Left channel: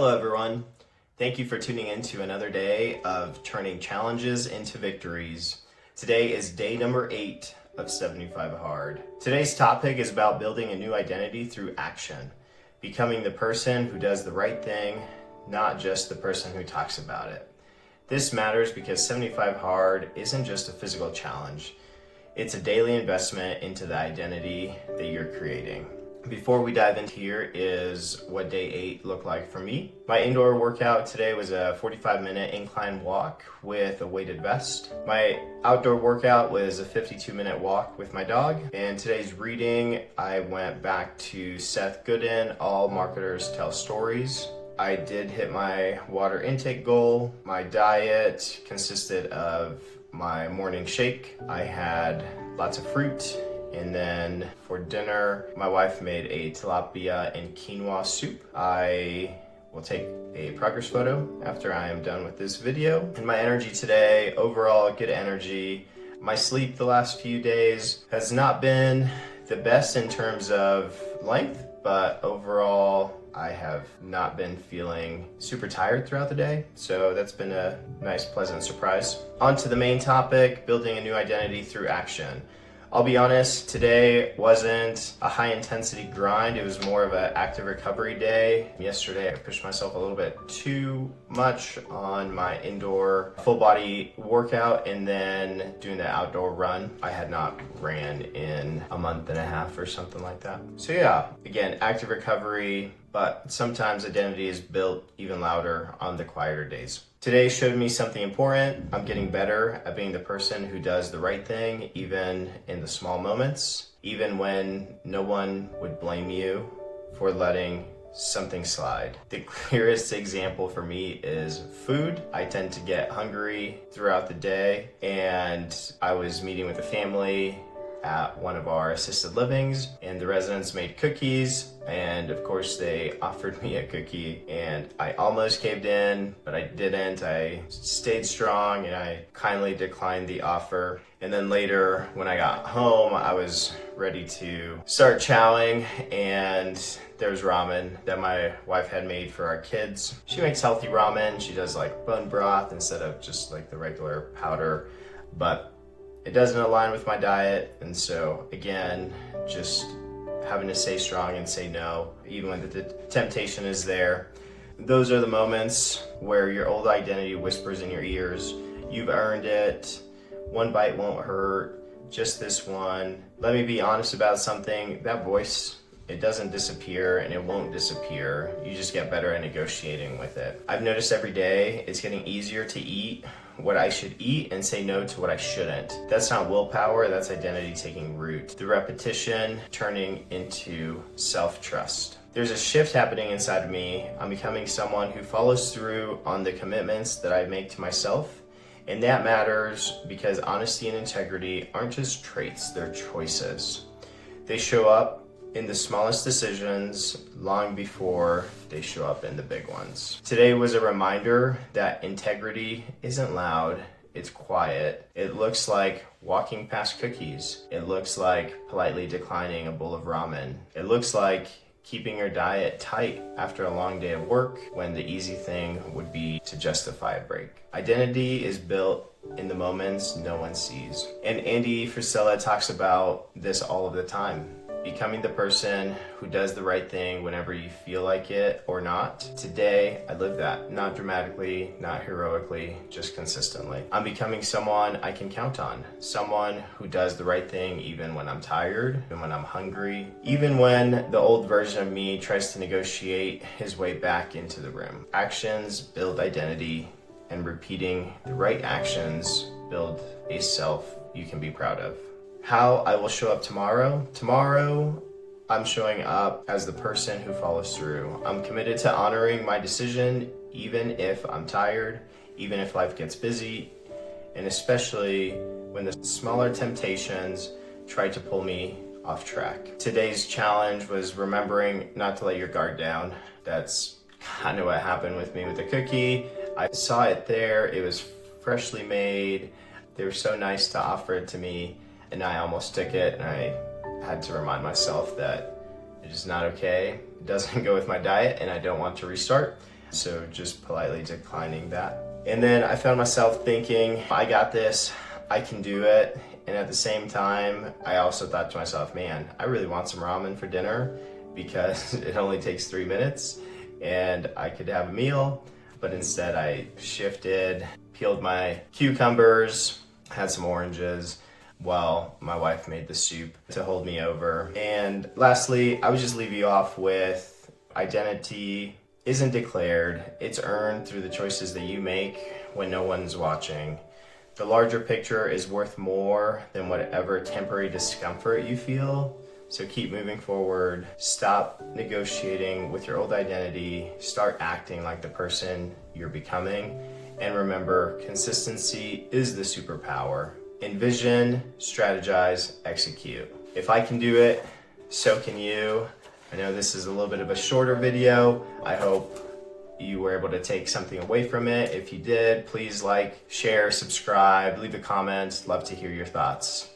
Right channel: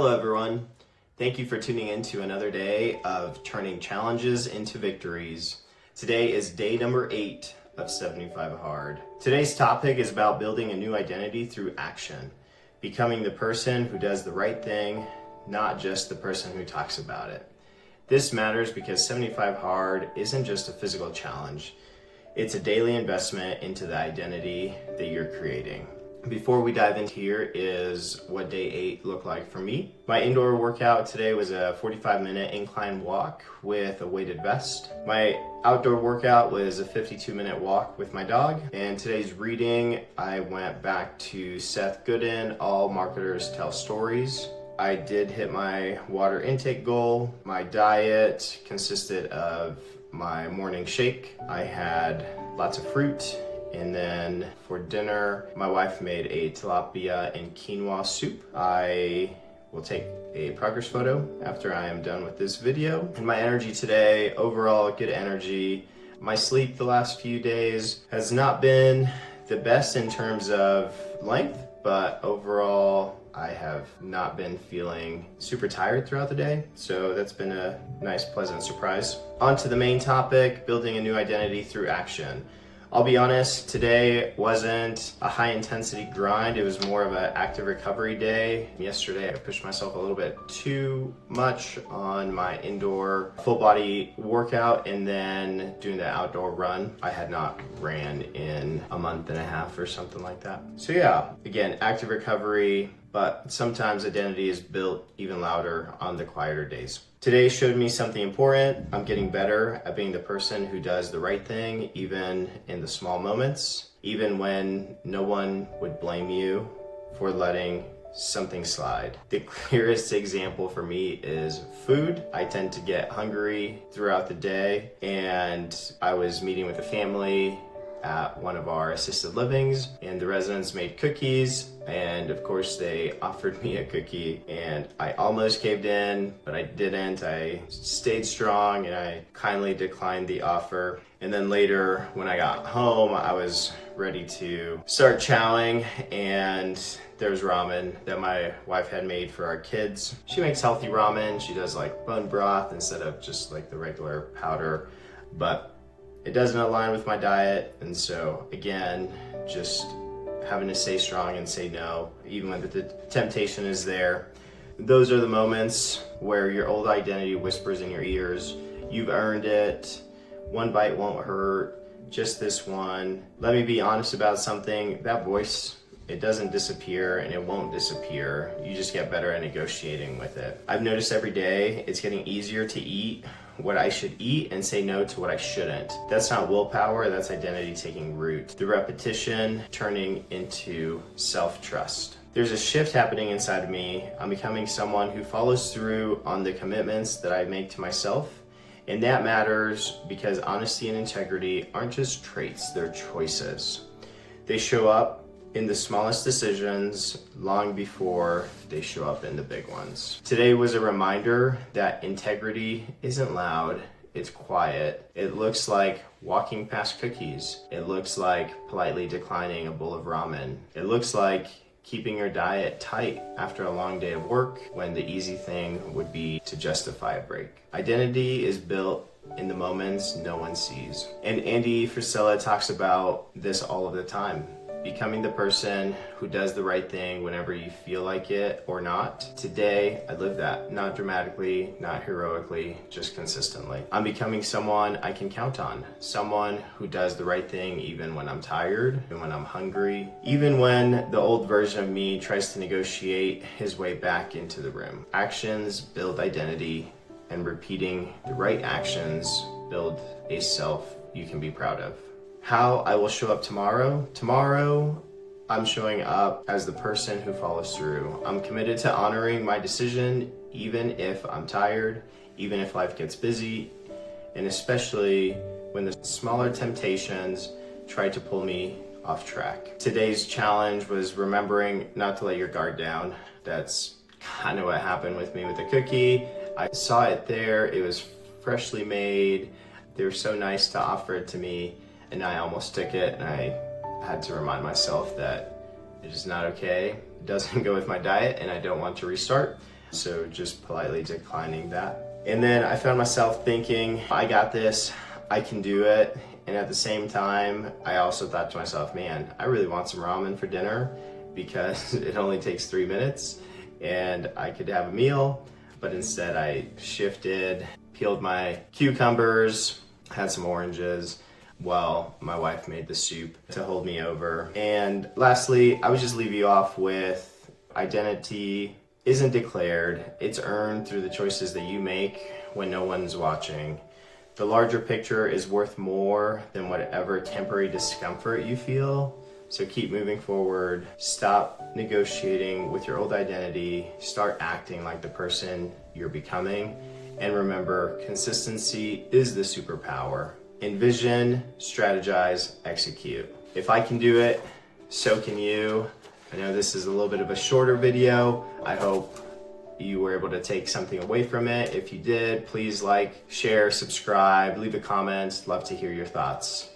Hello everyone. Thank you for tuning in to another day of turning challenges into victories. Today is day number 8 of 75 Hard. Today's topic is about building a new identity through action, becoming the person who does the right thing, not just the person who talks about it. This matters because 75 Hard isn't just a physical challenge. It's a daily investment into the identity that you're creating. Before we dive into here is what day 8 looked like for me. My indoor workout today was a 45-minute incline walk with a weighted vest. My outdoor workout was a 52-minute walk with my dog. And today's reading, I went back to Seth Godin, All Marketers Tell Stories. I did hit my water intake goal. My diet consisted of my morning shake. I had lots of fruit. And then for dinner, my wife made a tilapia and quinoa soup. I will take a progress photo after I am done with this video. And my energy today, overall good energy. My sleep the last few days has not been the best in terms of length, but overall I have not been feeling super tired throughout the day. So that's been a nice, pleasant surprise. On to the main topic, building a new identity through action. I'll be honest, today wasn't a high intensity grind. It was more of an active recovery day. Yesterday, I pushed myself a little bit too much on my indoor full body workout and then doing the outdoor run. I had not ran in a month and a half or something like that. So yeah, again, active recovery, but sometimes identity is built even louder on the quieter days. Today showed me something important. I'm getting better at being the person who does the right thing, even in the small moments, even when no one would blame you for letting something slide. The clearest example for me is food. I tend to get hungry throughout the day, and I was meeting with a family at one of our assisted livings, and the residents made cookies, and of course they offered me a cookie, and I almost caved in, but I didn't. I stayed strong and I kindly declined the offer. And then later when I got home, I was ready to start chowing, and there was ramen that my wife had made for our kids. She makes healthy ramen. She does like bone broth instead of just like the regular powder, but it doesn't align with my diet. And so again, just having to stay strong and say no, even when the temptation is there. Those are the moments where your old identity whispers in your ears, you've earned it, one bite won't hurt, just this one. Let me be honest about something, that voice, it doesn't disappear and it won't disappear. You just get better at negotiating with it. I've noticed every day it's getting easier to eat what I should eat and say no to what I shouldn't. That's not willpower, that's identity taking root. The repetition turning into self-trust. There's a shift happening inside of me. I'm becoming someone who follows through on the commitments that I make to myself. And that matters because honesty and integrity aren't just traits, they're choices. They show up in the smallest decisions long before they show up in the big ones. Today was a reminder that integrity isn't loud, it's quiet. It looks like walking past cookies. It looks like politely declining a bowl of ramen. It looks like keeping your diet tight after a long day of work when the easy thing would be to justify a break. Identity is built in the moments no one sees. And Andy Frisella talks about this all of the time. Becoming the person who does the right thing whenever you feel like it or not. Today, I live that, not dramatically, not heroically, just consistently. I'm becoming someone I can count on, someone who does the right thing even when I'm tired and when I'm hungry, even when the old version of me tries to negotiate his way back into the room. Actions build identity, and repeating the right actions build a self you can be proud of. How I will show up tomorrow. Tomorrow, I'm showing up as the person who follows through. I'm committed to honoring my decision, even if I'm tired, even if life gets busy, and especially when the smaller temptations try to pull me off track. Today's challenge was remembering not to let your guard down. That's kind of what happened with me with the cookie. I saw it there, it was freshly made. They were so nice to offer it to me, and I almost took it, and I had to remind myself that it is not okay. It doesn't go with my diet, and I don't want to restart. So just politely declining that. And then I found myself thinking, I got this, I can do it. And at the same time, I also thought to myself, man, I really want some ramen for dinner because it only takes 3 minutes and I could have a meal. But instead I shifted, peeled my cucumbers, had some oranges while my wife made the soup to hold me over. And lastly, I would just leave you off with identity isn't declared, it's earned through the choices that you make when no one's watching. The larger picture is worth more than whatever temporary discomfort you feel. So keep moving forward, stop negotiating with your old identity, start acting like the person you're becoming, and remember, consistency is the superpower. Envision, strategize, execute. If I can do it, so can you. I know this is a little bit of a shorter video. I hope you were able to take something away from it. If you did, please like, share, subscribe, leave a comment. Love to hear your thoughts.